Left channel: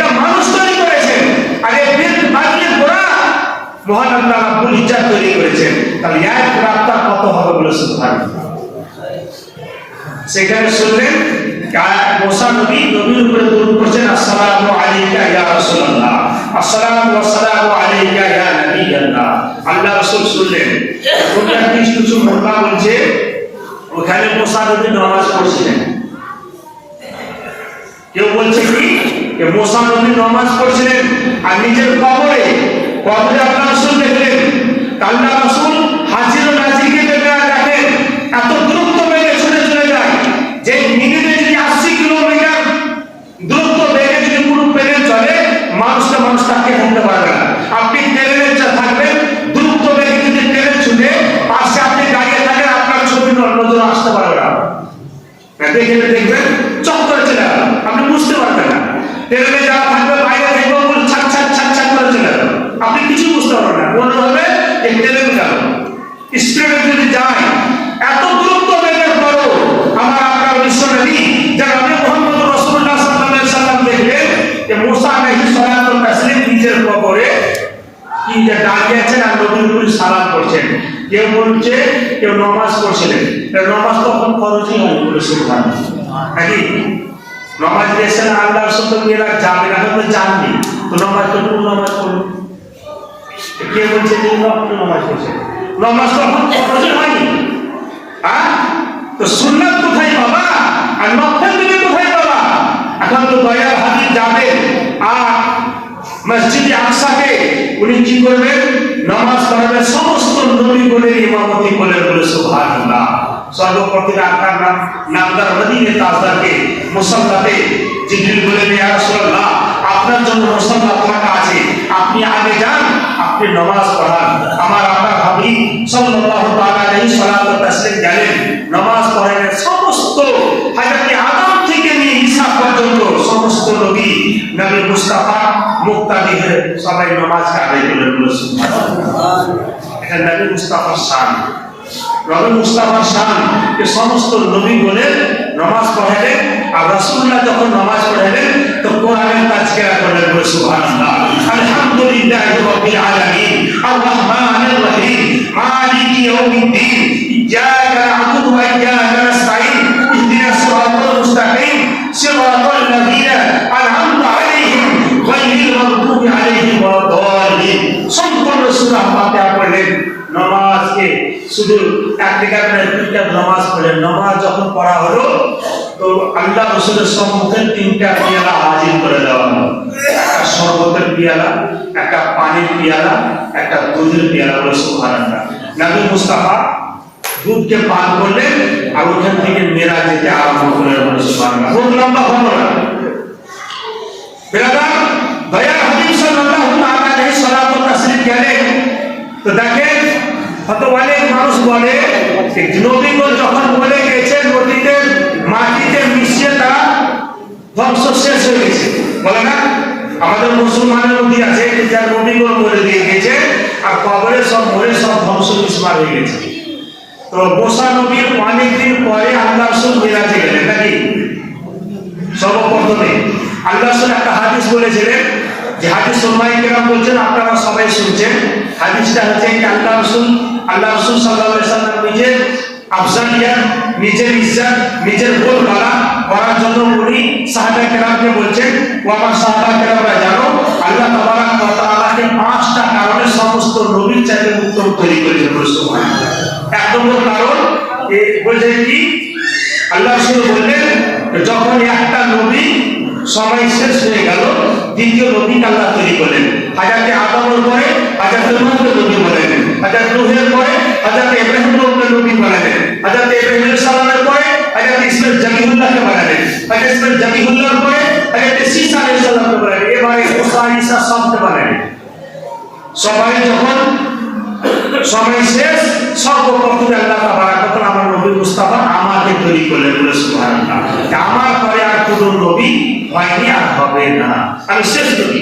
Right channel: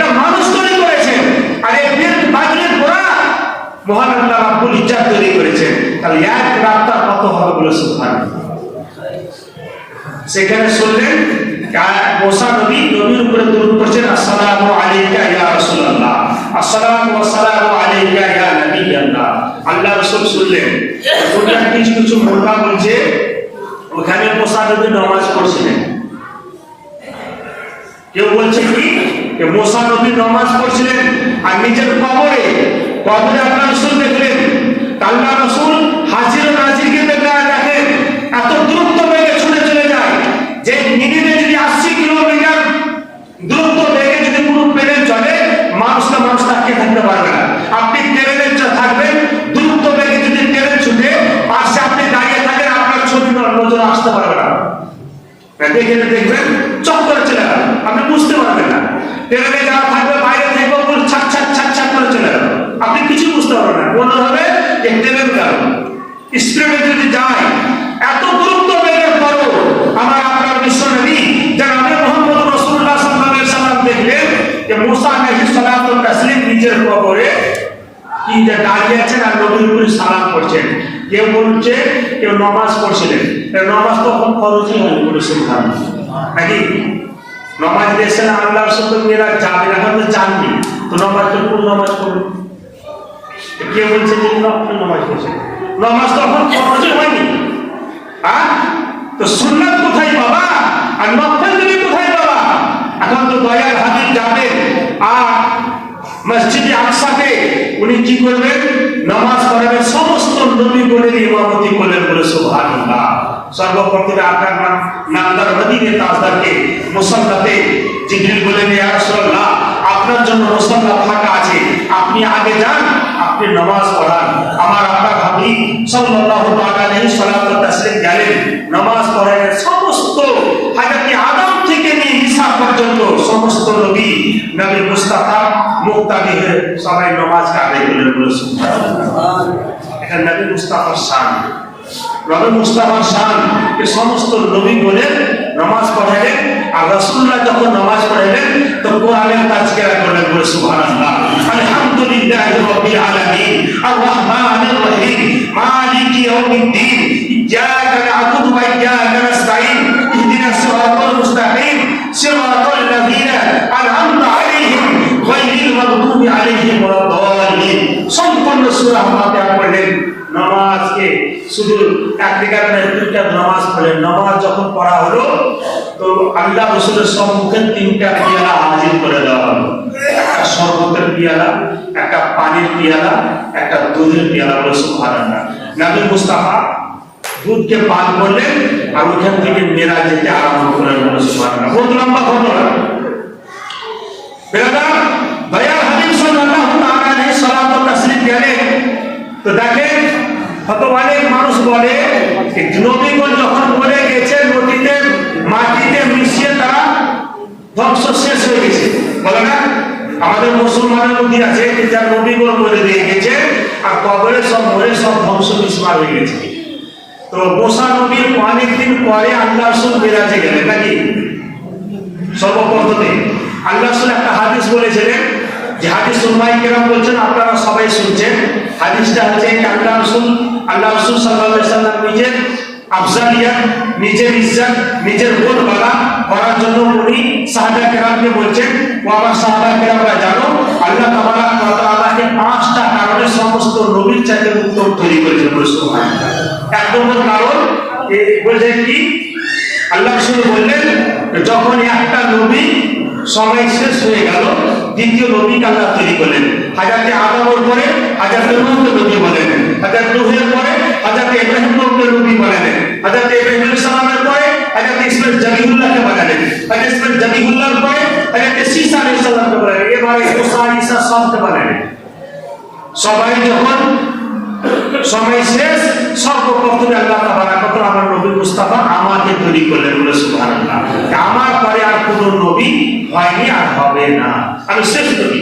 এটা মানুষ তৈরি করেছেন, আর এই বেদ বাগিয়ে গোড়া মহান আল্লাহ রাব্বুল ইজ্জত তৈরি করেছেন। তাহলে এক রাতটা কত হবে বলে সুবহানাল্লাহ। সেখানে শুনলেন মুসা নবী নবীর উপরে দরুদ পড়ছেন, আসসালামু আলাইকা ইয়া রাসূলুল্লাহ, আসসালামু ওয়াসসালামু আলাইকা ইয়া নবিয়াল্লাহ। আল্লাহ রাসূল শুনলেন, দুনিয়ার কিছু কিছু মোল্লা বলছে ওখানে মুসা নবী নামাজ পড়ছিলেন। কেউ বলছে কি মুসা নবী নামাজ পড়ছিলেন আর নিজের কবরে আল্লাহ রাসূল দেখলেন। আল্লাহ রাসূল হাজির ও নাজিরকে দেখেন এত দ্রুত বেগে ছুটে চলে যায় যে মিনিটে যদি 80 কিলোমিটার দ্রুত বেগে যদি পুরো প্লেন চলে মানুষ তাকে থাকতে পারবে না। আপনি ট্রেনে থাকবেন, দ্রুত বেগে যদি ট্রেন ছুটে পাশে আপনি দাঁড়িয়ে থাকেন, আপনার ছবি নজরে আসতে পারবে না। দেখবেন চক্করে চলে গেল, আপনি বুঝতে পারবেন না। ট্রেনে যারা থাকবে বাইরে থেকে ছাক ছাক ছাক ছাক করে চলে গেল, আপনি কিছু বুঝতে পারবেন না। মনে হবে যে ট্রেন গেল, স্পিডে যদি যায় এত দ্রুত বেগের পরও আমার আপনার বিশ্ব নবী জনাবে মুহাম্মদ রাসূলুল্লাহ সাল্লাল্লাহু আলাইহি সাল্লাম দেখলেন যে মুসা আলাইহিস সালাতু ওয়াস তাসলিম নিজের কবরে কি দাঁড়িয়ে আছেন আর নবীর উপরে সালাম করছেন। কেউ বলছে কেউ নামাজ পড়ছিলেন, নামাজ তখন ফরজই হয়নি বলে সুবহানাল্লাহ। নাকি নামাজ দিয়েছেন আল্লাহর সাথে মেয়েরা যাবে না, হয়তো জাননি তো নামাজ তো কোন নামাজ পড়বে। কে বলছে যে নফল নামাজ পড়ছে, নামাজ তখন ফরজই হয়নি। হ্যাঁ, তো সুন্নাত কোথায় বাবা আর নফল দিলে কোথায় বাবা? এখন তো দয়ার হাবিব যাবে আর মসজিদে আকসাতে উনি কি করবেন? নামাজ পড়াবেন, সমস্ত নবীগণের ইমামতি করলেন বলে সুবহানাল্লাহ। সর্বপ্রথম আকার নামদার মদিনে তাজদারকে মুসাল্লাতে জিবরিল বলেন, ইয়া রাসূলুল্লাহ আপনার জন্য মুসাল্লা ফাঁকা আছে, আপনি আগে যান, আপনি নামাজ পড়ান। আমার আপনার হাবিব সাল্লাল্লাহু তাআলা আলাইহি সাল্লাতু ওয়াস তাসলিম গেলেন, নামাজ পড়ালেন। সমস্ত হযরত আদম থেকে নিয়ে ঈসা পর্যন্ত সমস্ত নবী মুস্তাফা মুক্তাদি সবাই নামাজ আদায় করলেন বলে সুবহানাল্লাহ। এখানে নবী মুস্তাফার শান, নবী মুস্তাফার শান যে সমস্ত নবী বলেন নামাজ পড়ালেন। আর রাসূলুল্লাহ যখন নামাজ পড়ালেন তো কোরআনের তাজকিরা করলেন বলে সুবহানাল্লাহ। আলহামদুলিল্লাহি রাব্বিল আলামিন আর রহমানির রহিম মালিকি ইয়াউমিদ্দিন ইয়্যাকা না'বুদু ওয়া ইয়্যাকা নাস্তাঈন ইহদিনাস সিরাতাল মুস্তাকিম সিরাতাল লাযীনা আন'আমতা আলাইহিম গায়রিল মাগদুবি আলাইহিম ওয়ালাদ-দাল্লিন। সম্পূর্ণ সূরা ফাতিহা পড়লেন। নামাজকে শুধু এক রেখাত না, দুইটা নামাজ পড়লেন। নামাজ যখন পড়া হলো তো আল্লাহ রাসূলের সম্মুখে তিনটা পিয়ালা হাজির করে দেওয়া হলো। একটা শরবতের পিয়ালা, একটা পানির পিয়ালা, একটা দুধের পিয়ালা বলে সুবহানাল্লাহ। নবী মুস্তাফা দুধকে পান করলেন আর ওখান থেকে মেরাজ যেতে আরম্ভ করলেন বলে সুবহানাল্লাহ। বহুত লম্বা ঘটনা। বেরাদার দয়ার হাবিব সাল্লাল্লাহু তাআলা আলাইহি সাল্লাতু ওয়াস তাসলিম গেলেন তো দেখেন হয়তো অনেক মানুষ বলে নবীগণ যখন বলে গেছে নদীতে মাটিতে মিশিয়ে তারা ধ্বংস শেষ হয়ে গেছে, বলে না? আমাদের মুসলমানের নদী আছে যার নবীগণ বলে দিয়ে গেছে আর কবরে সব মরে সব ধ্বংস বিস্মার হয়ে গেছে। তো মুসা নবীর অনেকদিন পরে আল্লাহ রাসূল মেরাজে গেলেন। নাকি সর্বপ্রথমে আল্লাহ রাসূল একটা হাদিস বলেছিলেন, যে হাদিস উলামায়ে কেরাম বলছেন, আপনারা সবাই শুনছেন। হাদিসটা হচ্ছে আল্লাহ রাসূল সাল্লাল্লাহু আলাইহি সাল্লাম নিজের আফজালিয়াত, নিজের ইজ্জত, নিজের বোধবালা করার জন্য উনি সাহাবা কেরামকে বলছেন, ও আমার সাহাবা কেরামরা জানো আল্লাহ তাবারাক ওয়া তাআলাকে 5টা কারণে সমস্ত নবীর চাইতে উত্তম তৈরি করেছেন। সুবহানাল্লাহ। এক নম্বর কারণ বলছেন কি, আল্লাহ রাসূল বললেন যখন একটা নবী সময় শেষ হয়ে গেল দ্বিতীয় নবীকে আল্লাহ তৈরি করলেন। হযরত আদমের পরে হযরত নূহকে নবী বানালেন, হযরত নূহের পরে হযরত ইব্রাহিমকে নবী বানালেন, হযরত ইব্রাহিম আলাইহিস সালামের পরে হযরত ইসমাঈল জবিহুল্লাহকে বানালেন, হযরত ইসমাঈল জবিহুল্লাহর পরে হযরত ঈসা আলাইহিস সালামকে বানালেন, এবারে মুসা ঈসা সবকে বানালেন। সবাই যখন সময় শেষ সর্বপ্রথমে আল্লাহ তাবারাক ওয়া তাআলা আমার নবী মুস্তাফা আমাকে তৈরি করলেন বলে সুবহানাল্লাহ। আমার পরে আর কোনো নবী হয়নি আর হবে না, আমি শেষ নবী।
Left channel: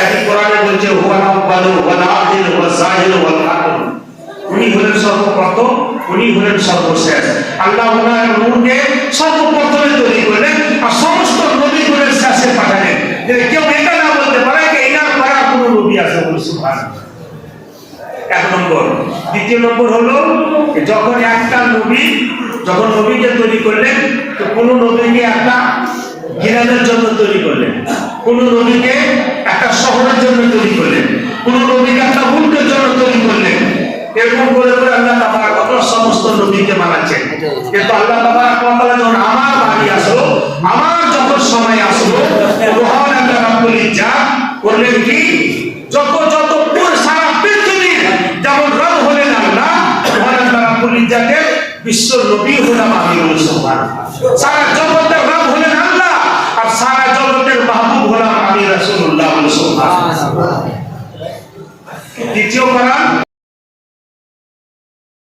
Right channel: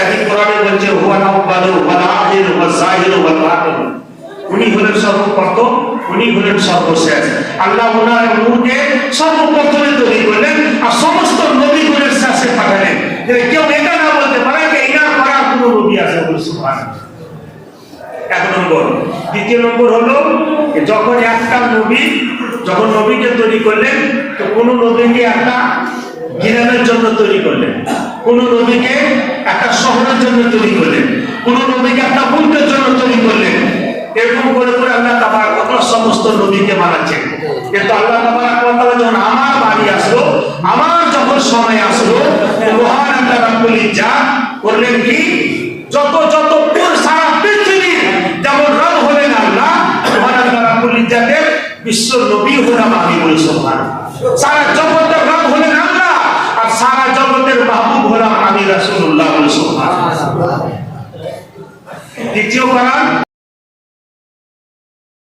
একই কোরআনে বলছে হুয়া আউয়ালু ওয়া আখিরু ওয়া যাহিরু ওয়া বাতিন, উনি হলেন সর্বপ্রথম, উনি হলেন সর্বশেষ। আল্লাহ ওনার নূরকে সর্বপ্রথমে তৈরি করলেন আর সমস্ত নবীগুলোর শেষে পাঠালেন। কেউ এটা সুবহানাল্লাহ। এক নম্বর। দ্বিতীয় নম্বর হলো যখন একটা নবী যখন নবীকে তৈরি করলেন, তো কোন নবীকে একটা গ্রামের জন্য তৈরি করলেন, কোন নবীকে একটা শহরের জন্য তৈরি করলেন, কোন নবীকে একটা মুলকের জন্য তৈরি করলেন। এরকম করে করে আল্লাহ তাবারক ওয়া তাআলা সমস্ত নবীকে বানাচ্ছেন। কিন্তু আল্লাহ তাবারক ওয়া তাআলা যখন আমার বাড়ি আসলো, আমার যখন সময় আসলো, মহান আল্লাহ রাব্বুল ইজ্জাত করলেন কি, যত যত পুরো সারা পৃথিবীর যেমন রব হলেন আল্লাহ, মহান আল্লাহ রাব্বুল ইজ্জাতের বিশ্ব নবী হলাম আমি। সুবহানাল্লাহ। সারা জগতের রব হলেন আল্লাহ, আর সারা জগতের মাহবুব হলাম আমি রাসূলুল্লাহ। সুবহানাল্লাহ। দ্বিতীয় কারণ